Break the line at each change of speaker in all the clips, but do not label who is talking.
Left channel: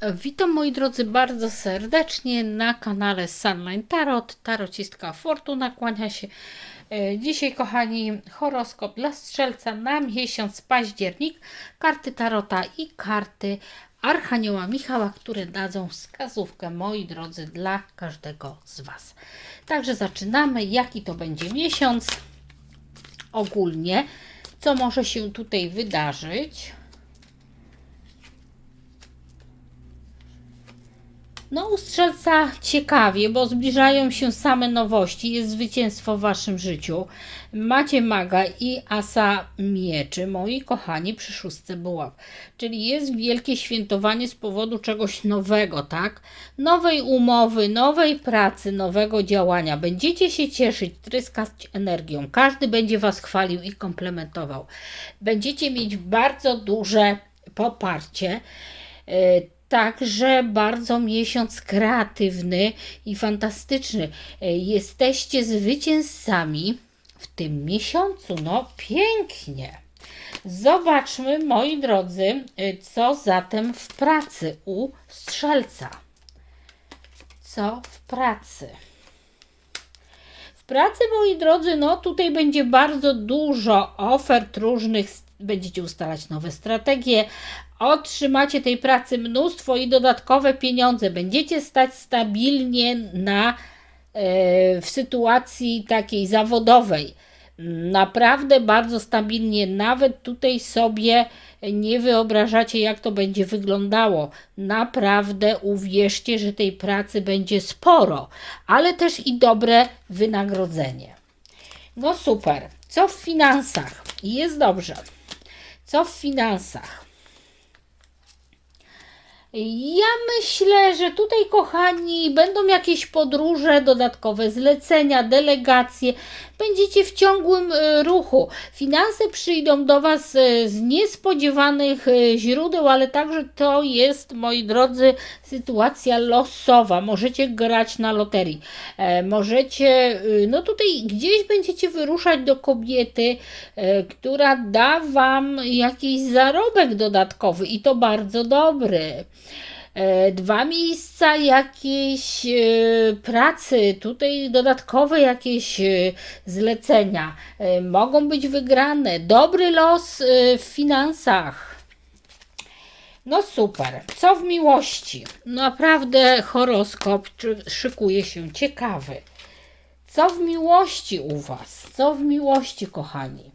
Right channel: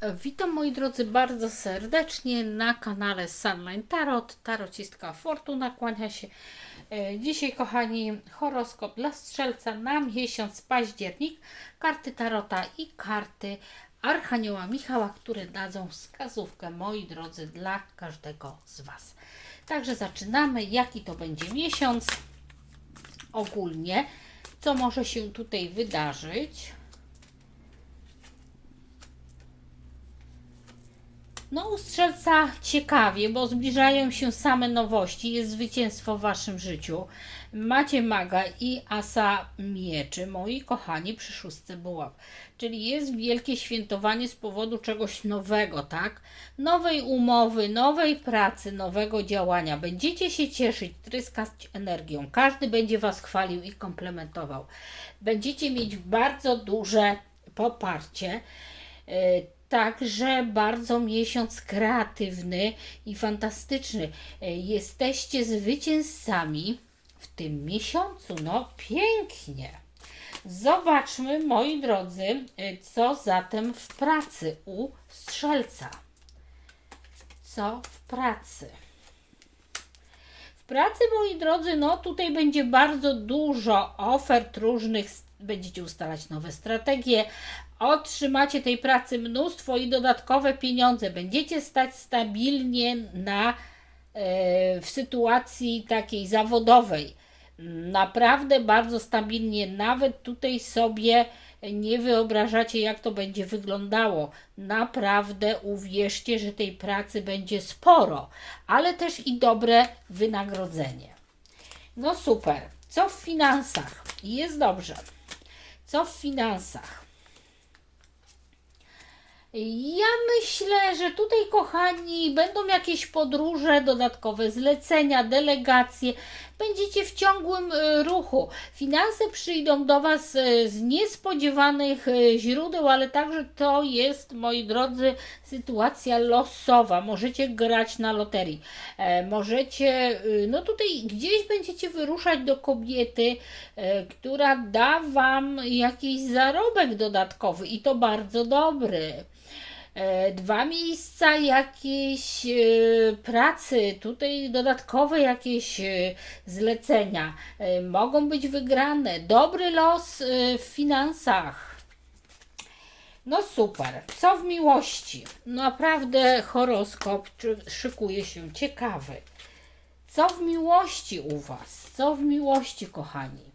Witam moi drodzy bardzo serdecznie na kanale Sunline Tarot. Tarocistka Fortuna kłania się. E, Dzisiaj, kochani, horoskop dla strzelca na miesiąc październik. Karty Tarota i karty Archanioła Michała, które dadzą wskazówkę, moi drodzy, dla każdego z Was. Także zaczynamy. Jaki to będzie miesiąc? Ogólnie, co może się tutaj wydarzyć? No, u strzelca ciekawie, bo zbliżają się same nowości, jest zwycięstwo w waszym życiu. Macie maga i asa mieczy, moi kochani, przy szóstce buław. Czyli jest wielkie świętowanie z powodu czegoś nowego, tak? Nowej umowy, nowej pracy, nowego działania. Będziecie się cieszyć, tryskać energią. Każdy będzie was chwalił i komplementował. Będziecie mieć bardzo duże poparcie. Także bardzo miesiąc kreatywny i fantastyczny. E, Jesteście zwycięzcami w tym miesiącu. No, pięknie. Zobaczmy, moi drodzy, e, co zatem w pracy u strzelca. Co w pracy? W pracy, moi drodzy, no tutaj będzie bardzo dużo ofert różnych, będziecie ustalać nowe strategie, otrzymacie tej pracy mnóstwo i dodatkowe pieniądze. Będziecie stać stabilnie na, e, w sytuacji takiej zawodowej. Naprawdę bardzo stabilnie. Nawet tutaj sobie nie wyobrażacie, jak to będzie wyglądało. Naprawdę uwierzcie, że tej pracy będzie sporo, ale też i dobre wynagrodzenie. No super. Co w finansach? Jest dobrze. Co w finansach? Ja myślę, że tutaj, kochani, będą jakieś podróże, dodatkowe zlecenia, delegacje. Będziecie w ciągłym e, ruchu. Finanse przyjdą do Was e, z niespodziewanych e, źródeł, ale także to jest, moi drodzy, sytuacja losowa. Możecie grać na loterii. Możecie, no tutaj gdzieś będziecie wyruszać do kobiety, która da Wam jakiś zarobek dodatkowy i to bardzo dobry. E, dwa miejsca jakiejś e, pracy, tutaj dodatkowe jakieś e, zlecenia mogą być wygrane. Dobry los w finansach. No super. Co w miłości? Naprawdę horoskop szykuje się ciekawy. Co w miłości u Was? Co w miłości, kochani?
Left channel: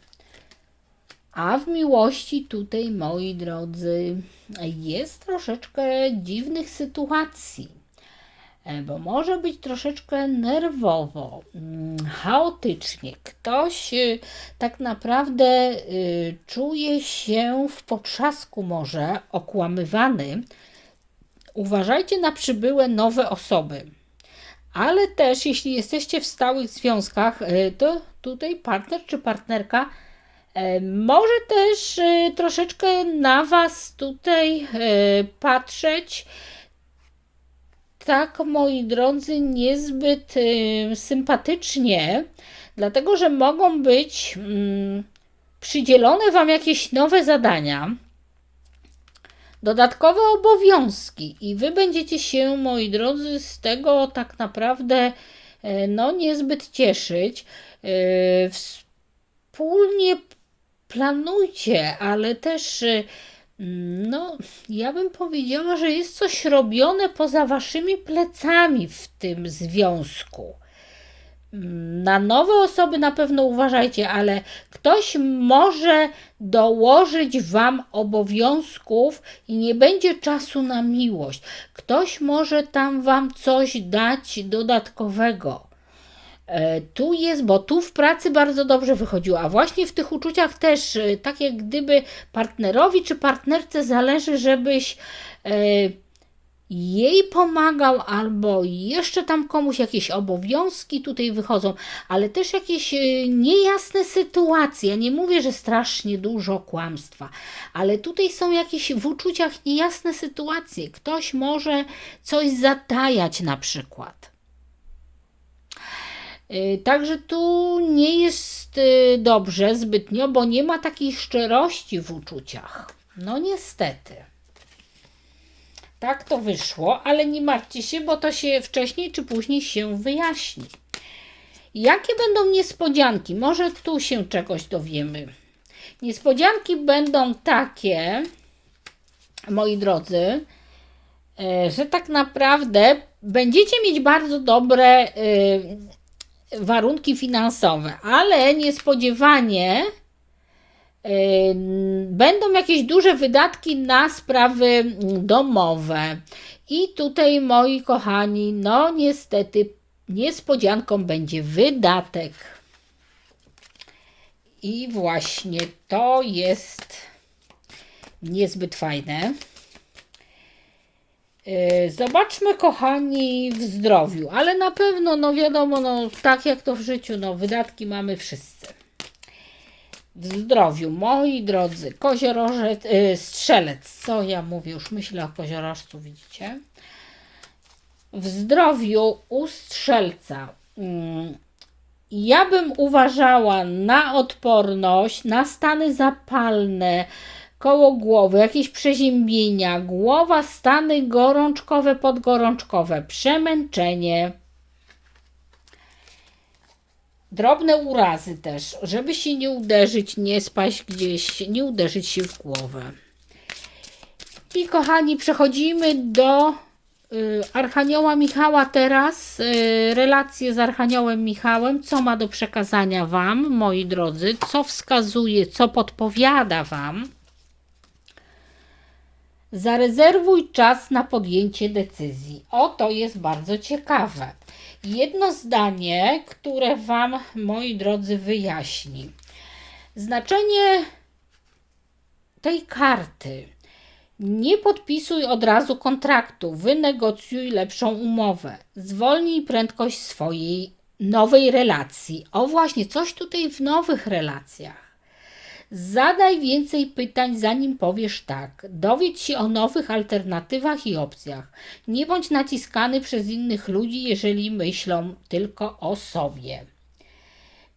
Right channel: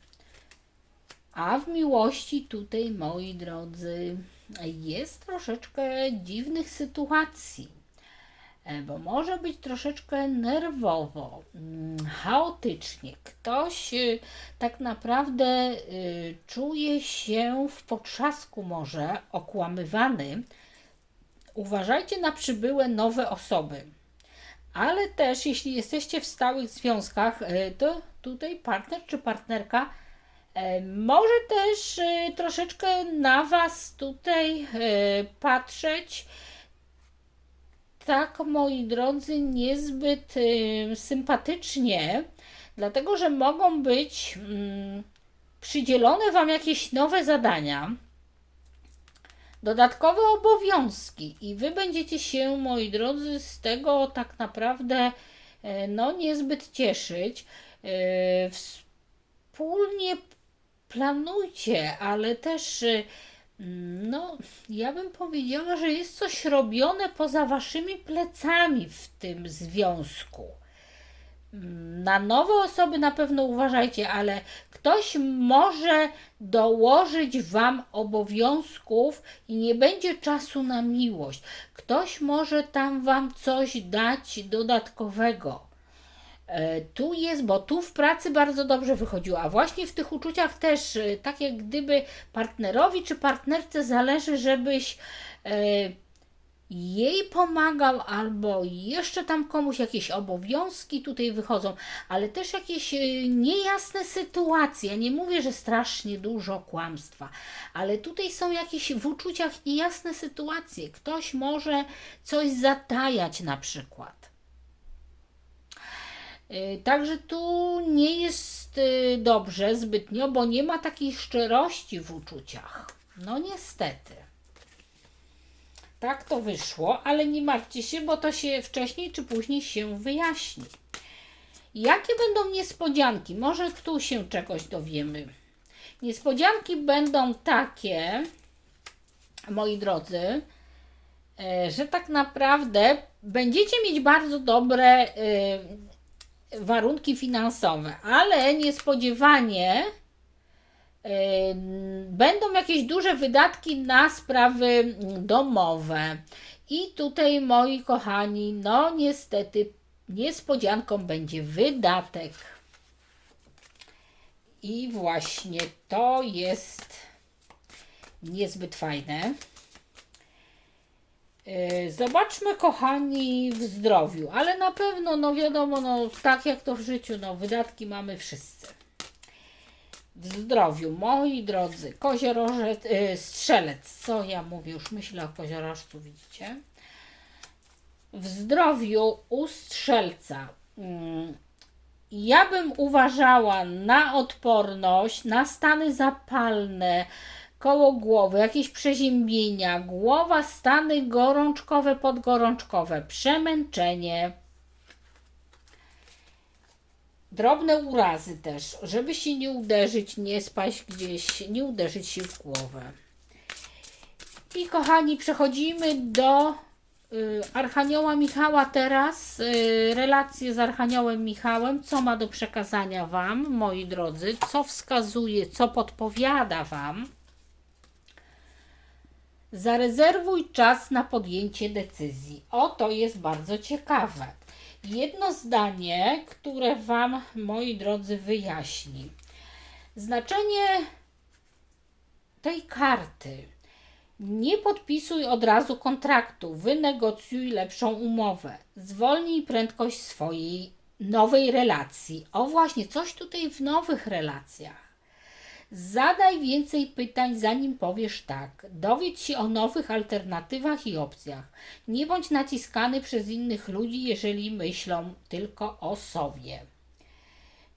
A w miłości tutaj, moi drodzy, jest troszeczkę dziwnych sytuacji, e, bo może być troszeczkę nerwowo, mm, chaotycznie. Ktoś e, tak naprawdę e, czuje się w potrzasku, może okłamywany. Uważajcie na przybyłe nowe osoby. Ale też, jeśli jesteście w stałych związkach, to tutaj partner czy partnerka może też e, troszeczkę na Was tutaj e, patrzeć. Tak, moi drodzy, niezbyt sympatycznie, dlatego że mogą być mm, przydzielone Wam jakieś nowe zadania, dodatkowe obowiązki, i Wy będziecie się, moi drodzy, z tego tak naprawdę no, niezbyt cieszyć. Wspólnie planujcie, ale też y, no, ja bym powiedziała, że jest coś robione poza waszymi plecami w tym związku. Na nowe osoby na pewno uważajcie, ale ktoś może dołożyć Wam obowiązków i nie będzie czasu na miłość. Ktoś może tam Wam coś dać dodatkowego. E, tu jest, bo tu w pracy bardzo dobrze wychodziło, a właśnie w tych uczuciach też, e, tak jak gdyby partnerowi czy partnerce zależy, żebyś e, jej pomagał, albo jeszcze tam komuś jakieś obowiązki tutaj wychodzą, ale też jakieś niejasne sytuacje. Ja nie mówię, że strasznie dużo kłamstwa, ale tutaj są jakieś w uczuciach niejasne sytuacje. Ktoś może coś zatajać na przykład. Y, także tu nie jest y, dobrze zbytnio, bo nie ma takiej szczerości w uczuciach. No niestety. Tak to wyszło, ale nie martwcie się, bo to się wcześniej czy później się wyjaśni. Jakie będą niespodzianki? Może tu się czegoś dowiemy. Niespodzianki będą takie, moi drodzy, e, że tak naprawdę będziecie mieć bardzo dobre warunki finansowe, ale niespodziewanie e, będą jakieś duże wydatki na sprawy domowe. I tutaj, moi kochani, no niestety niespodzianką będzie wydatek. I właśnie to jest niezbyt fajne. Yy, Zobaczmy, kochani, w zdrowiu, ale na pewno, no wiadomo, no tak jak to w życiu, no wydatki mamy wszyscy. W zdrowiu, moi drodzy, koziorożec, yy, strzelec, co ja mówię, już myślę o koziorożcu, widzicie? W zdrowiu u strzelca. mm, Ja bym uważała na odporność, na stany zapalne, koło głowy, jakieś przeziębienia, głowa, stany gorączkowe, podgorączkowe, przemęczenie, drobne urazy też, żeby się nie uderzyć, nie spaść gdzieś, nie uderzyć się w głowę. I kochani, przechodzimy do y, Archanioła Michała teraz. Y, relacje z Archaniołem Michałem. Co ma do przekazania Wam, moi drodzy? Co wskazuje, co podpowiada Wam? Zarezerwuj czas na podjęcie decyzji. O, to jest bardzo ciekawe. Jedno zdanie, które Wam, moi drodzy, wyjaśni. Znaczenie tej karty. Nie podpisuj od razu kontraktu, wynegocjuj lepszą umowę, zwolnij prędkość swojej nowej relacji. O właśnie, coś tutaj w nowych relacjach. Zadaj więcej pytań, zanim powiesz tak. Dowiedz się o nowych alternatywach i opcjach. Nie bądź naciskany przez innych ludzi, jeżeli myślą tylko o sobie.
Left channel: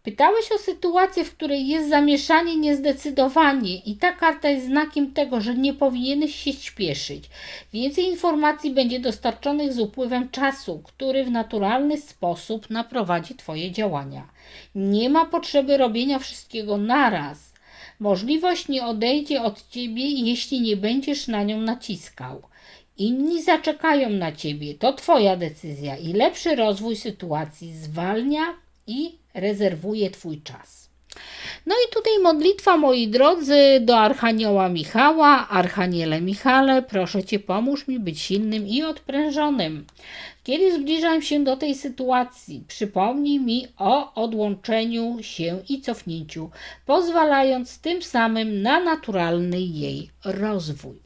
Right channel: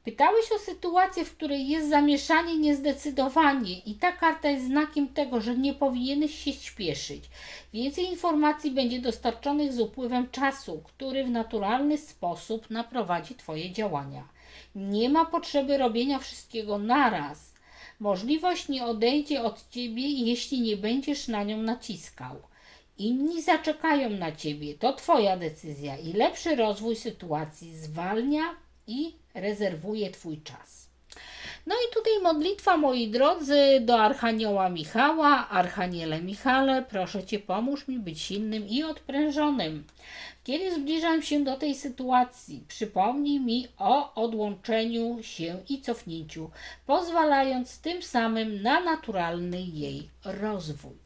Pytałeś o sytuację, w której jest zamieszanie, niezdecydowanie i ta karta jest znakiem tego, że nie powinieneś się śpieszyć. Więcej informacji będzie dostarczonych z upływem czasu, który w naturalny sposób naprowadzi Twoje działania. Nie ma potrzeby robienia wszystkiego naraz. Możliwość nie odejdzie od Ciebie, jeśli nie będziesz na nią naciskał. Inni zaczekają na Ciebie, to Twoja decyzja i lepszy rozwój sytuacji zwalnia i rezerwuje Twój czas. No i tutaj modlitwa, moi drodzy, do Archanioła Michała. Archaniele Michale, proszę Cię, pomóż mi być silnym i odprężonym. Kiedy zbliżam się do tej sytuacji, przypomnij mi o odłączeniu się i cofnięciu, pozwalając tym samym na naturalny jej rozwój.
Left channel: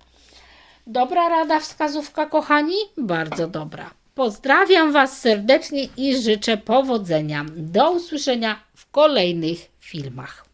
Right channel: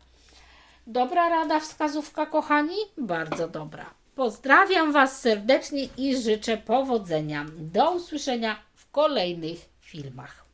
Dobra rada, wskazówka, kochani? Bardzo dobra. Pozdrawiam Was serdecznie i życzę powodzenia. Do usłyszenia w kolejnych filmach.